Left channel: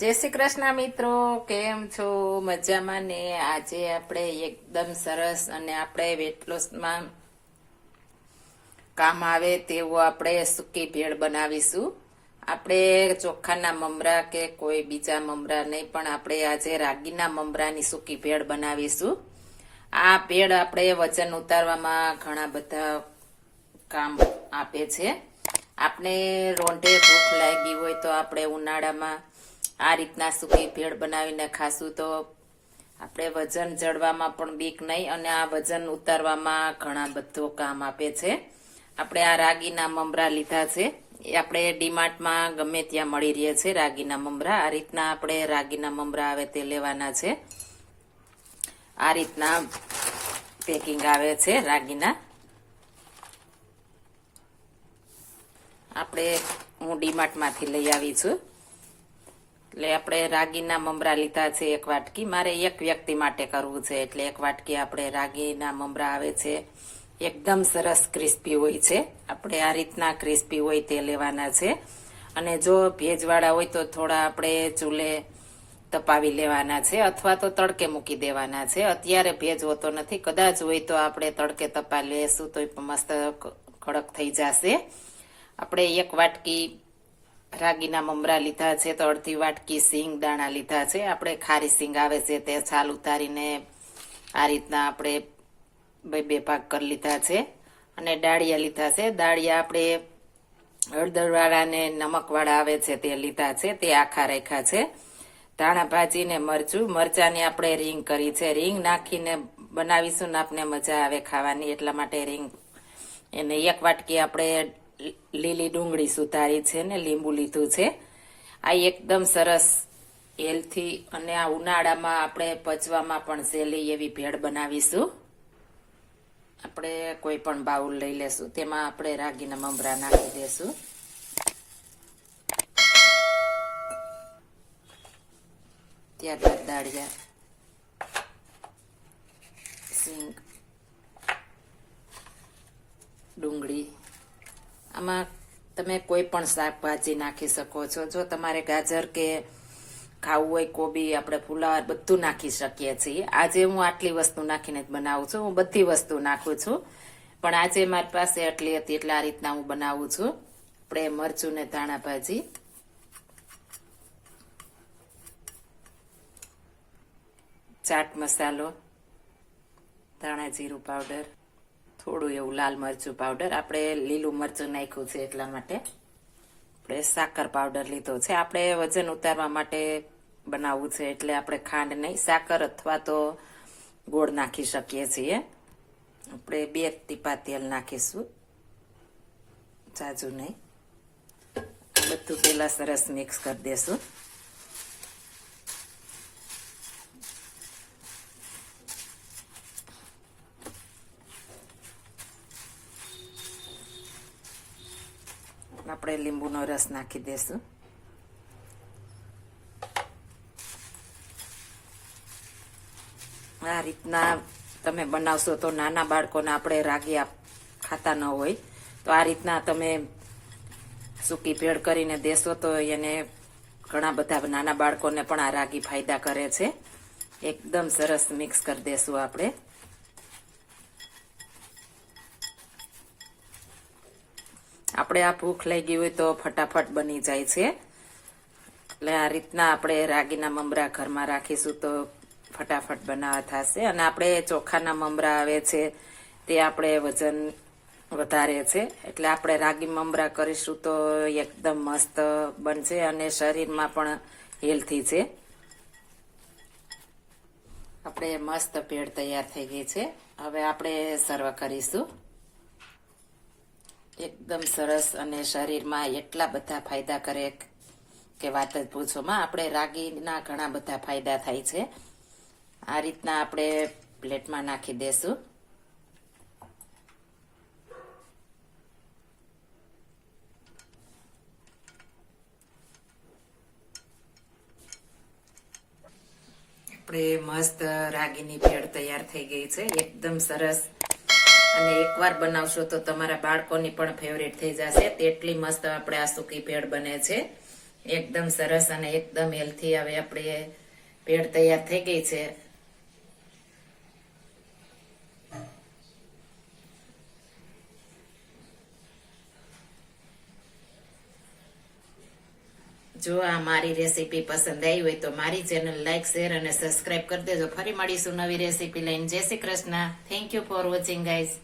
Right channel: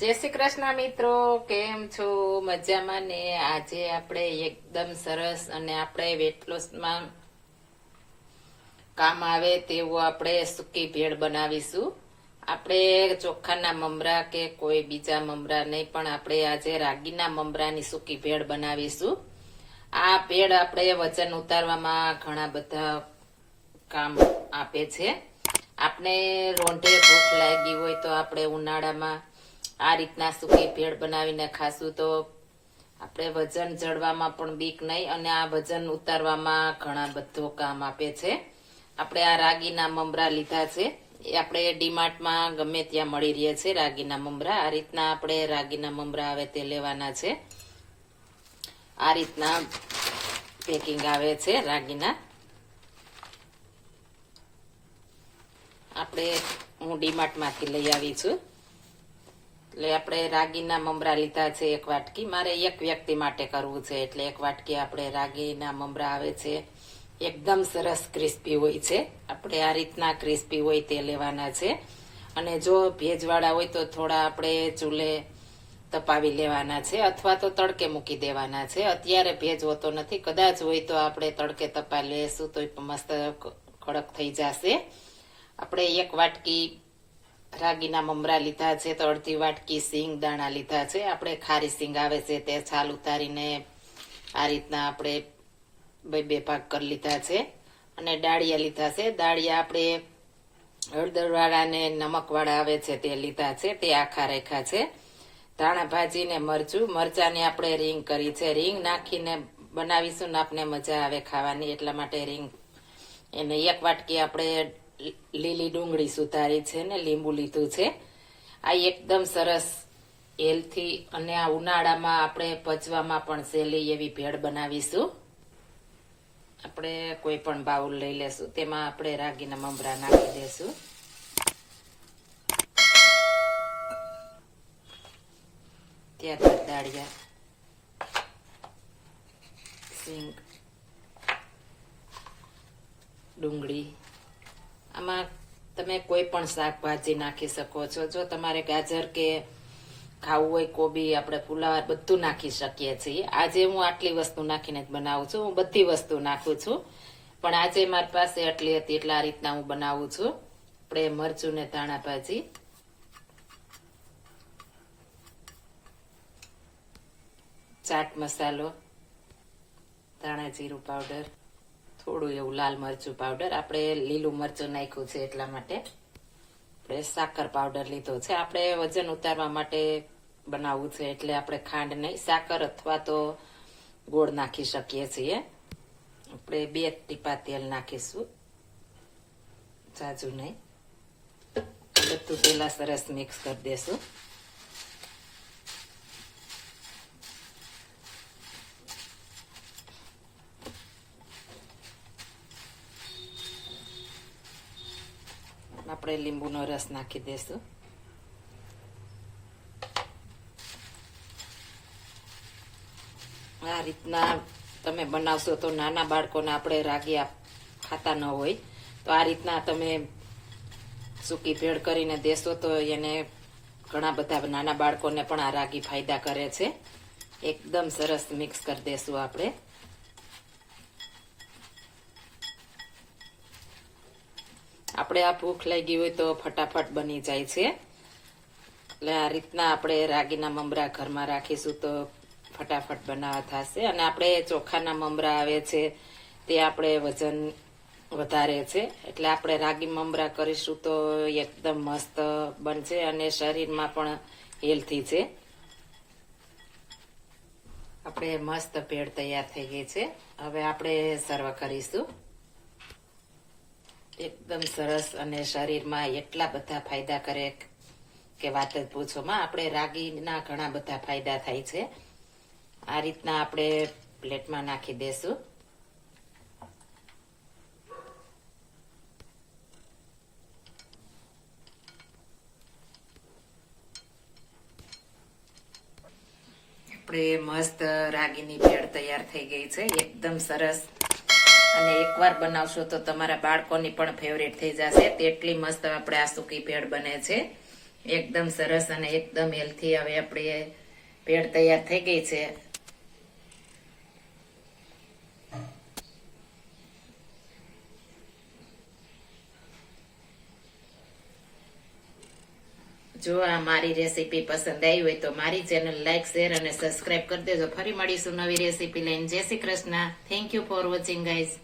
જય શ્રી કૃષ્ણ મિત્રો, કેમ છો? મજામાં ને? આજે આપણે એકદમ સરસ અને આપણે વેટ લોસમાં કામ આવે તેવું આપણે સૂકી ભેળ બનાવીશું. આપણે ચોખાના મમરા કે કોઈ બીજા મમરા નહીં, પણ આપણે આજે રાગીના મમરાની સૂકી ભેળ બનાવીશું. આ ભેળ આપણે વજન ઉતારવામાં ઘણા બધા કામ આપે છે. આપણે રોંઢે ભૂખ લાગી હોય તો આપણે ઉનાળામાં આ રીતના સૂકી ભેળ બનાવીને ખાશું તો આપણે વજન જળવામાં પણ બીક નહીં અને આ વજન ઉતારવામાં ઘણા બધો કામ આપે છે. આપણે આ રાગીના મમરા લીધા છે. એ આપણે ડીમાર્ટમાં ગમે ત્યાં મળી રહે છે રાગીના મમરા. આ રીતના આપણે રાગીના મમરા આવે તે લેવાના છે. આ રીતના પેકિંગ આવે છે રાગીના. આપણે હું ડીમાર્ટમાંથી લઈ આવી છું. એટલે આપણે રાગીના મમરા લીધા છે એક વાટકી. મારે એક વ્યક્તિ માટે કરવું છે, એટલે એક વાટકી આપણે રાગીના મમરા આવે છે. એકદમ સરસ ક્રિસ્પી હોય છે. આપણે આ રીતના ક્રિસ્પી હોય તે લેવાના છે. અને જો ભેજવાળા હોય તો થોડા આપણે ચૂલે તપાવી લેવાના છે, અથવા તો તડકે મૂકી દેવાના છે. અત્યારે ભેજ હોતો નથી. કદાચ હોય તો આપણે તડકે તપા લેશું તો મસ્ત કડક થઈ જશે. આપણે એક વાટકી રાગીના મમરા લીધા છે તો અડધી વાટકી સિંગ દાણા લીધા છે. આપણે ખારી સિંગ આવે છે તે છાલ ઉતારીને આ રીતના આપણે બે બે પાક કરી લીધા છે અને દાળિયા લીધા છે. દાળિયા આપણે હળદરવાળા ને નમકવાળા આવે છે તે લીધા છે, તે આખા રાખ્યા છે. ધાણા ભાજી ને મરચું, મરચાની આપણે રીંગ કરી છે. રીંગ નાખીને બનાવીશું ને આપને મજા આવે ખાવાની, એટલા માટે રીંગ એને એક વાટકી આપણે લીલી ડુંગળી સુધારી છે ને લીંબુ લીધું છે. આ એકદમ સરસ હેલ્થી અને આ ઉનાળામાં આપણે પચવામાં પણ સહેલી એવી ભેળ બનાવીશું. આપણે કોઈ પણ બાઉલ લઈ લેશું. તેમાં આપણે રાગીના મમરા નાખી દેશું. ત્યારબાદ દાળિયા, સિંગ, ડુંગળી આમાં તમે કોઈ પણ શાકભાજી નાખી શકો છો. જો તમારે ગાજર કે ખાવું હોય કોબી આપણે ફુલાવર બધું નાખી શકીએ છીએ. આજે હું આટલી વસ્તુ નાખીને જ બનાવું છું. હું બધી વસ્તુ નાખું છું. પણ આજે મારી પાસે આટલી હતી એટલે આ રીતના હું બનાવું છું. આપણે મરચું ને ધાણા ભાજી. ચાટ મસાલો. ધાણા જીરું પાવડર. થોડું એવું લાલ મરચું પાવડર આપણે લીલું મરચું નાખ્યું છે એટલા માટે. આપણે સાકર પાવડર લીધો છે. આપણે વજન ઉતારવા માટે બનાવવું છે એટલે આપણે ખાંડ નહીં, સાકર અથવા તો ગોળ નાખી શકીએ છીએ. આપણે બે ટીપા તેલ નાખીશું. જાજુ નહીં. બધું પેલા સરસ મિક્સ કરી દેશું. આપણે લીંબુનો રસ નાખી દેશું. આ રીતના તમે બનાવશો તો નાના બાળકોને આપણે રાગી ખાતા ન હોય. તો આ રીતના તમે સૂકી ભેળ કરીને દેશો તો એને ઘણા બધા નાના બાળકોને પણ આ રાગી ફાયદા કરે છે. એકદમ સરસ મિક્સ કરી દેશું આપણે. આપણે આ ભૂખ લાગી હોય તો ફટાફટ બની જાય છે. એટલે આ રીતના આપણે રાગીના મમરા ઘરમાં રાખીશું તો ફટાફટ બનાવવા થશે. અને આપણે ચોખાના મમરા આવે છે, તે આપણે વજન વધારે છે. એટલે આપણે રાગી મમરા કરીશું તો એકદમ મસ્ત બનશે અને શરીરમાં પણ હેલ્થી છે. આપણે મસ્ત ભેળ તૈયાર થઈ ગઈ છે. હવે આપણે સર્વ કરીશું. એકદમ સરસ અને શરીરમાં એટલા બધા ફાયદા કરે કે વાત જ પૂછોમાં. આપણે રાગીના ઘણા બધા ફાયદા થાય છે. આ રીતના આપણે પ્લેટમાં નાખી દેશું. આપણે મસ્ત રાગીની ભેળ તૈયાર થઈ ગઈ છે. એકદમ સરસ અને એકવાર બનાવશો તો તમારા બાળકોની પણ ફેવરેટ થઈ જશે. તેટલી મસ્ત આપણે આ સૂકી ભેળ બને છે. એકદમ સરસ અને એકદમ હેલ્થી હવે આપણે ભેળ તૈયાર થઈ ગઈ છે. જો આ મારી રેસીપી પસંદ આવી હોય તો મારી ચેનલ લાઈક, શેર અને સબસ્ક્રાઇબ કરી દેજો. ફરી મળીશું નવી રેસીપી લઈને. જય Shri Krishna. Thank you for watching guys